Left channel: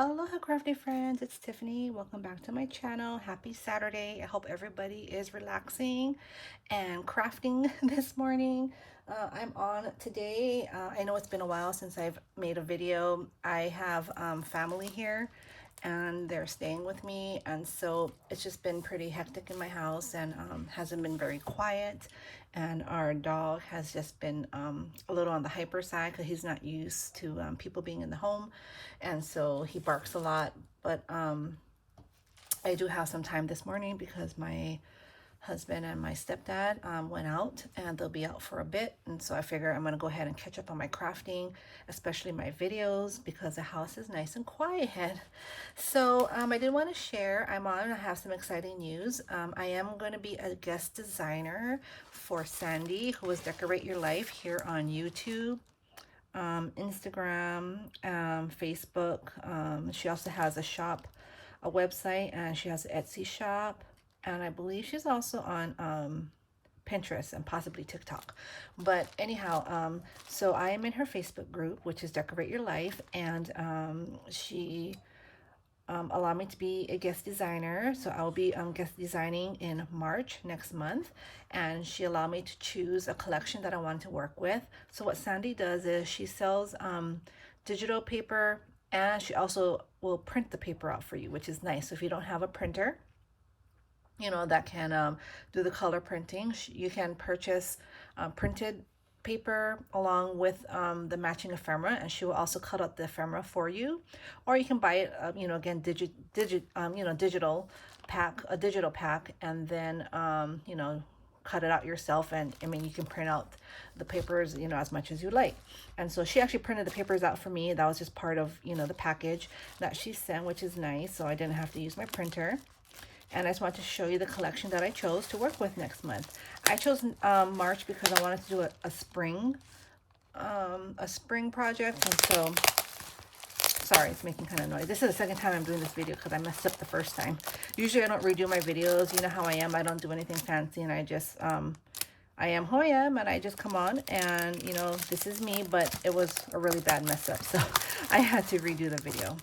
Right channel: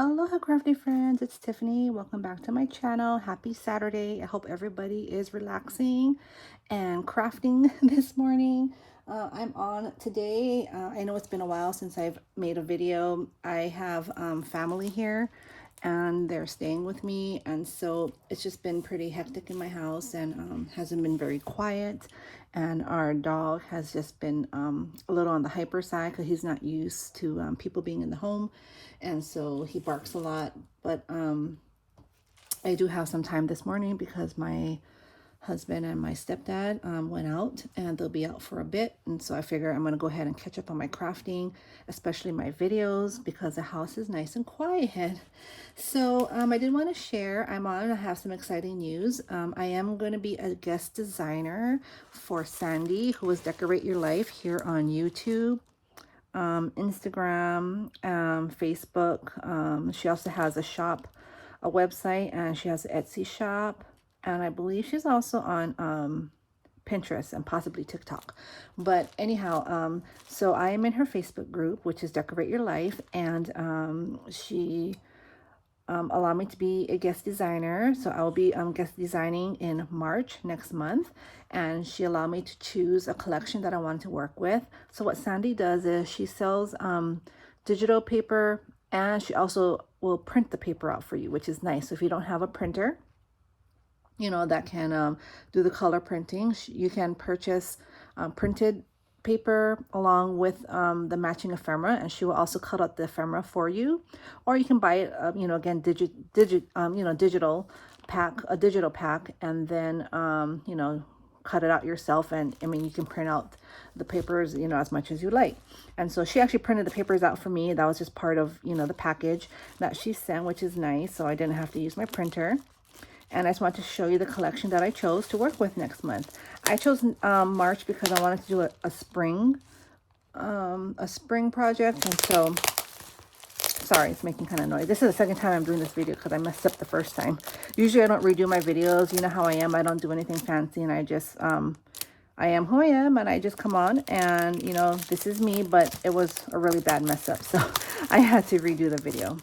Aloha crafty friends, it's Tiffany. Welcome back to my channel. Happy Saturday. I hope everybody is relaxing and crafting this morning. I'm on today. I know it's been a while since I've made a video. I have family here and they're staying with me, and so it's just been pretty hectic in my house and hasn't been very quiet. And our dog has just been a little on the hyper side because he's not used to people being in the home, and so he barks a lot. But I do have some time this morning because my husband and my stepdad went out, and they'll be out for a bit, and so I figure I'm gonna go ahead and catch up on my crafting, especially my videos, because the house is nice and quiet. So I did want to share, I have some exciting news. I am going to be a guest designer for Sandi, who is Decorate Your Life, here on YouTube, Instagram, Facebook. She also has a shop, a website, and she has an Etsy shop, and I believe she's also on Pinterest and possibly TikTok. But anyhow, so I am in her Facebook group, which is Decorate Your Life, and she allowed me to be a guest designer. So I will be guest designing in March next month, and she allowed me to choose a collection that I wanted to work with. So what Sandi does is she sells digital paper, and she also will print the paper out for you, which is nice. So if you don't have a printer, you know, that can do the color printing, you can purchase printed paper along with the matching ephemera, and she will also cut out the ephemera for you. Or you can buy it, you know, again, digital pack, a digital pack, and then you know, cut it out yourself. And I mean, you can print out the papers, you know, as much as you like. And so she actually printed the papers out for me. That was just part of, you know, the package that she sent, which is nice. So I didn't have to use my printer. And I just wanted to show you the collection that I chose to work with next month. I chose March because I wanted to do a spring project. And so, sorry, it's making kind of noise. This is the second time I'm doing this video because I messed up the first time. Usually I don't redo my videos. You know how I am. I don't do anything fancy, and I just, I am who I am, and I just come on, and, you know, this is me, but it was a really bad mess up. So I had to redo the video.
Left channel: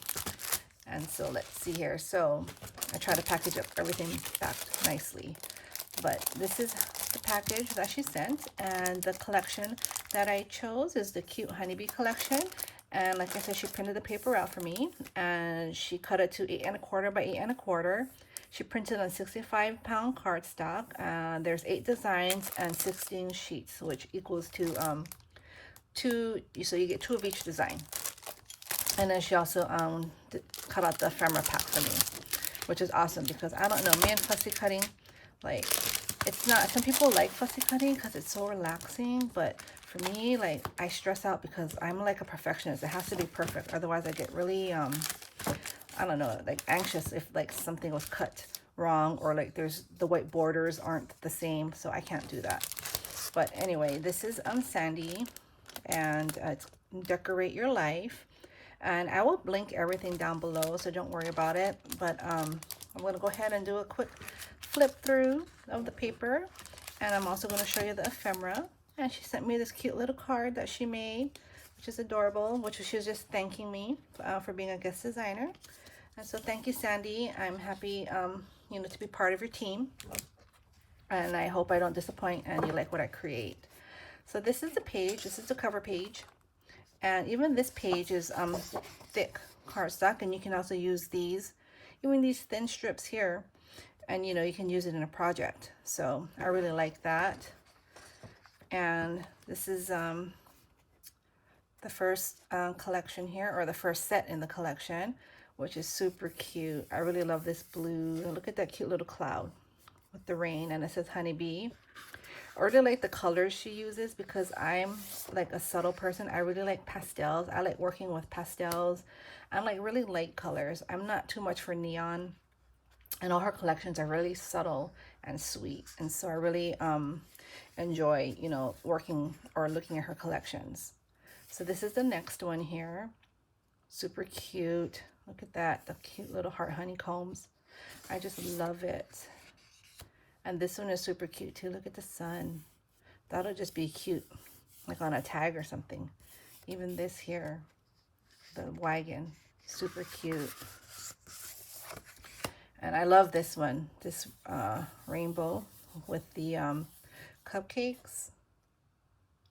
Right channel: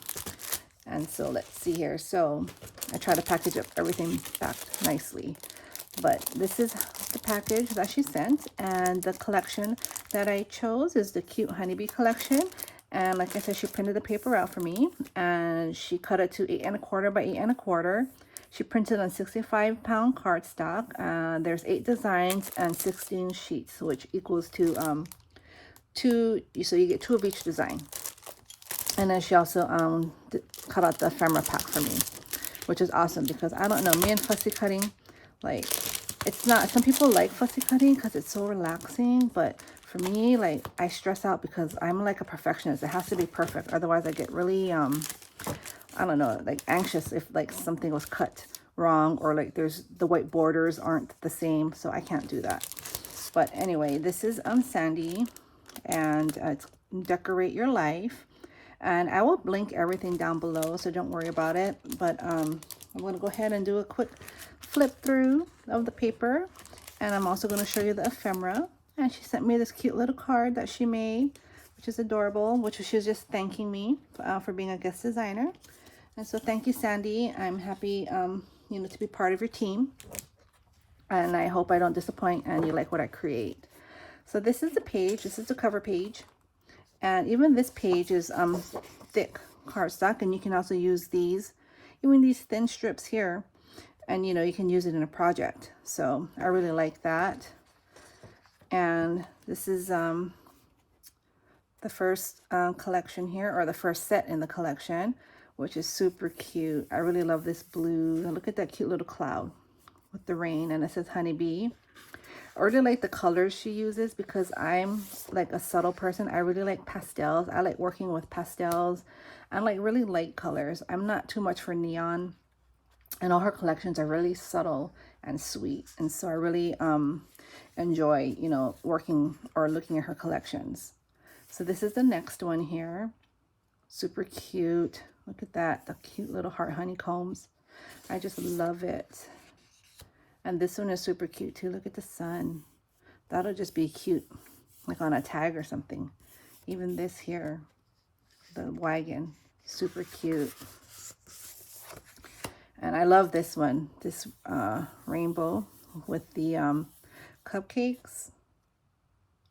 And so let's see here. So I try to package up everything back nicely. But this is the package that she sent. And the collection that I chose is the Cute Honeybee collection. And like I said, she printed the paper out for me. And she cut it to 8 1/4 by 8 1/4. She printed on 65-pound cardstock. There's 8 designs and 16 sheets, which equals to 2. So you get 2 of each design. And then she also cut out the ephemera pack for me, which is awesome because I don't know, me and fussy cutting, like, it's not, some people like fussy cutting because it's so relaxing, but for me, like, I stress out because I'm like a perfectionist. It has to be perfect, otherwise I get really I don't know, like anxious if like something was cut wrong, or like there's the white borders aren't the same, so I can't do that. But anyway, this is Sandi, and it's Decorate Your Life. And I will link everything down below, so don't worry about it. But I'm going to go ahead and do a quick flip through of the paper. And I'm also going to show you the ephemera. And she sent me this cute little card that she made, which is adorable, which she was just thanking me for being a guest designer. And so thank you, Sandi. I'm happy, you know, to be part of your team. And I hope I don't disappoint and you like what I create. So this is the page. This is the cover page. And even this page is thick cardstock, and you can also use these, even these thin strips here, and you know, you can use it in a project. So I really like that. And this is the first collection here, or the first set in the collection, which is super cute. I really love this blue. Look at that cute little cloud with the rain, and it says honeybee. I really like the colors she uses because I'm like a subtle person. I really like pastels. I like working with pastels and like really light colors. I'm not too much for neon, and all her collections are really subtle and sweet. And so I really enjoy, you know, working or looking at her collections. So this is the next one here. Super cute. Look at that, the cute little heart honeycombs. I just love it. And this one is super cute too. Look at the sun. That'll just be cute, like on a tag or something. Even this here, the wagon. Super cute. And I love this one, this rainbow with the cupcakes.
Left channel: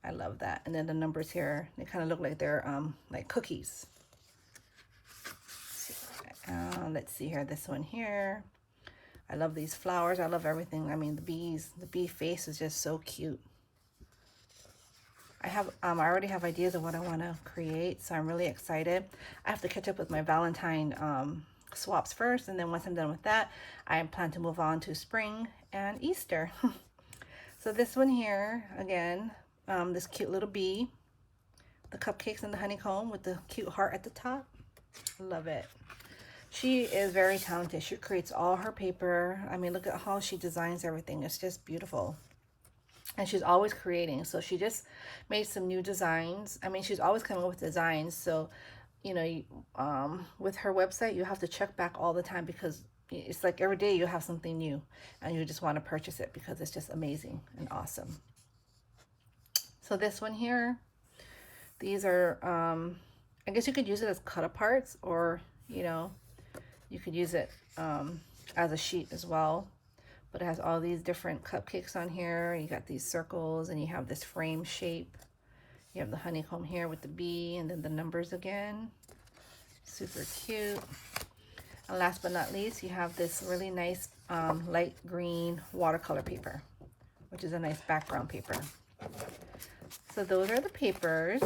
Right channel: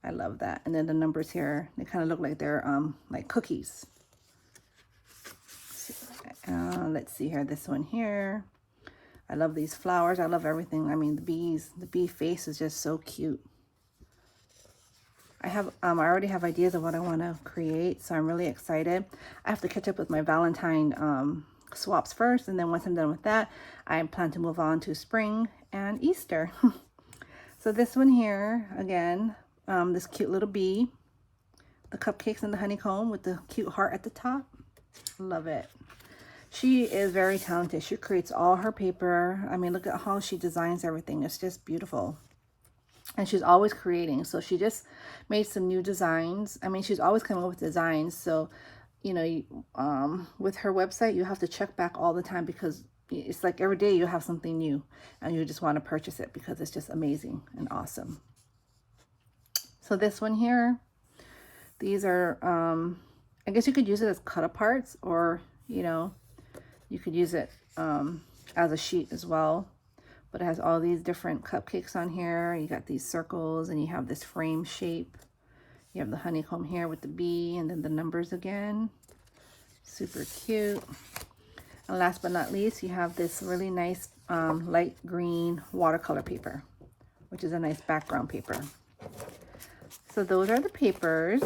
I love that. And then the numbers here, they kind of look like they're like cookies. Let's see here, this one here. I love these flowers. I love everything. I mean, the bee face is just so cute. I already have ideas of what I want to create, so I'm really excited. I have to catch up with my Valentine swaps first, and then once I'm done with that, I plan to move on to spring and Easter. So this one here, again, this cute little bee, the cupcakes and the honeycomb with the cute heart at the top. Love it. She is very talented. She creates all her paper. I mean, look at how she designs everything. It's just beautiful. And she's always creating. So she just made some new designs. I mean, she's always coming up with designs. So, you know, with her website, you have to check back all the time because it's like every day you have something new and you just want to purchase it because it's just amazing and awesome. So this one here, these are, I guess you could use it as cut aparts, or, you know, you could use it as a sheet as well. But it has all these different cupcakes on here. You got these circles and you have this frame shape. You have the honeycomb here with the bee and then the numbers again. Super cute. And last but not least, you have this really nice light green watercolor paper, which is a nice background paper. So those are the papers.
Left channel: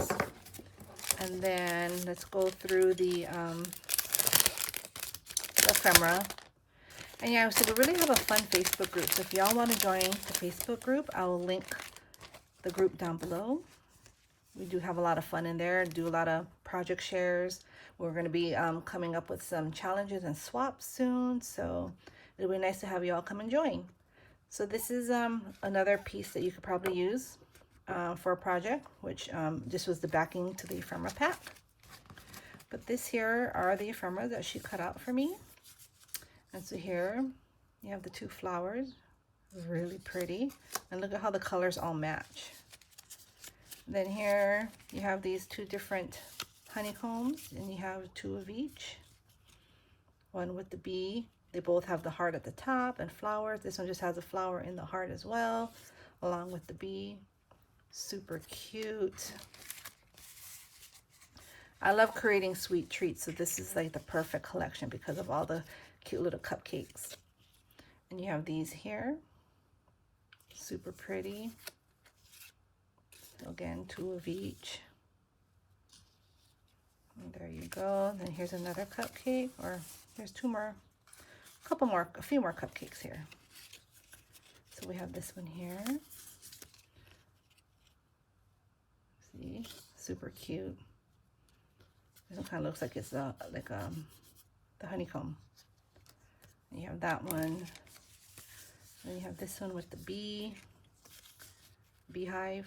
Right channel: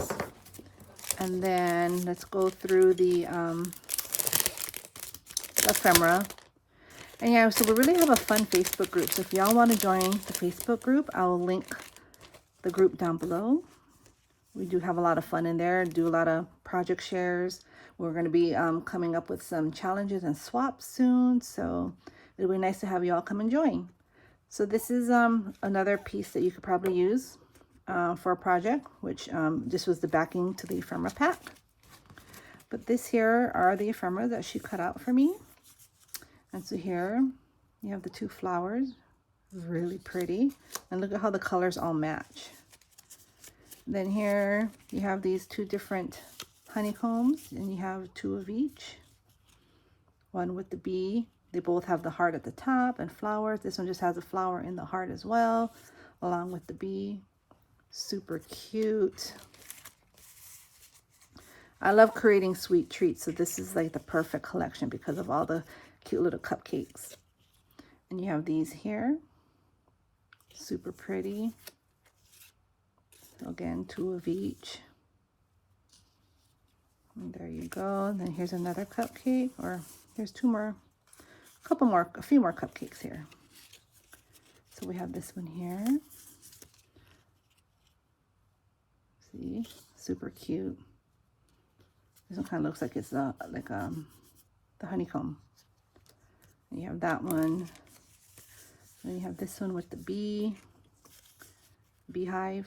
And then let's go through the ephemera. And yeah, so we really have a fun Facebook group. So if y'all want to join the Facebook group, I will link the group down below. We do have a lot of fun in there, do a lot of project shares. We're going to be coming up with some challenges and swaps soon. So it'll be nice to have you all come and join. So this is another piece that you could probably use for a project, which this was the backing to the ephemera pack. But this here are the ephemera that she cut out for me. And so here you have the two flowers, really pretty. And look at how the colors all match. Then here you have these two different honeycombs, and you have two of each. One with the bee. They both have the heart at the top and flowers. This one just has a flower in the heart as well, along with the bee. Super cute. I love creating sweet treats, so this is like the perfect collection because of all the cute little cupcakes. And you have these here, super pretty. Again, two of each. And there you go. And then here's another cupcake, or here's two more, a few more cupcakes here. So we have this one here. See, super cute. This one kind of looks like it's the honeycomb. And you have that one. And you have this one with the beehive.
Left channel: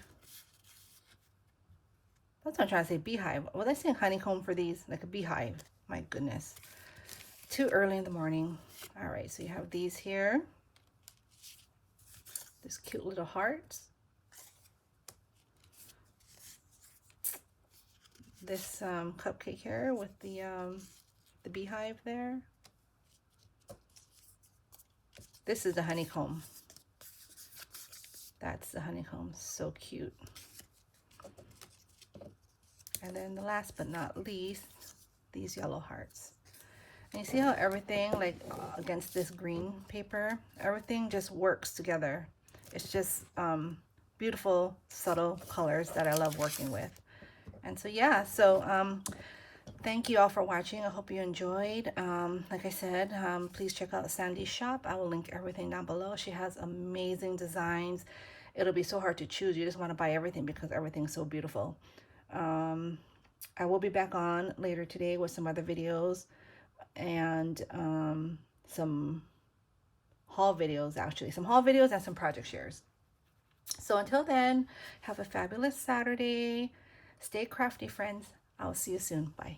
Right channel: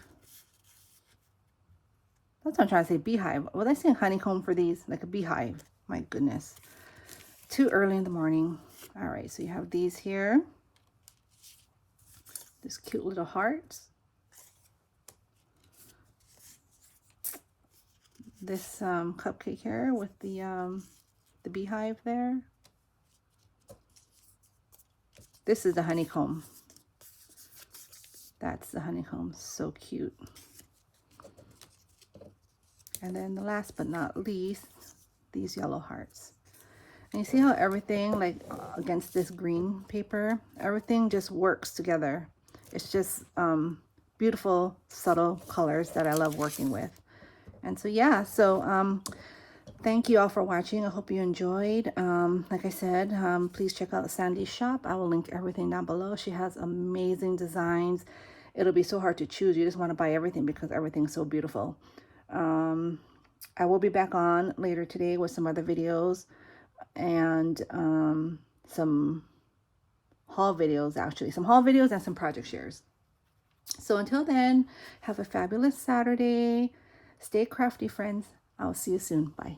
That's what I'm trying to say, beehive. Was I saying honeycomb for these? Like a beehive. My goodness. Too early in the morning. All right, so you have these here. This cute little hearts. This cupcake here with the beehive there. This is the honeycomb. That's the honeycomb. So cute. And then the last but not least, these yellow hearts. And you see how everything, like against this green paper, everything just works together. It's just beautiful, subtle colors that I love working with. And so, yeah, so thank you all for watching. I hope you enjoyed. Like I said, please check out Sandi's shop. I will link everything down below. She has amazing designs. It'll be so hard to choose. You just want to buy everything because everything's so beautiful. I will be back on later today with some other videos and some haul videos, actually. Some haul videos and some project shares. So until then, have a fabulous Saturday. Stay crafty, friends. I'll see you soon. Bye.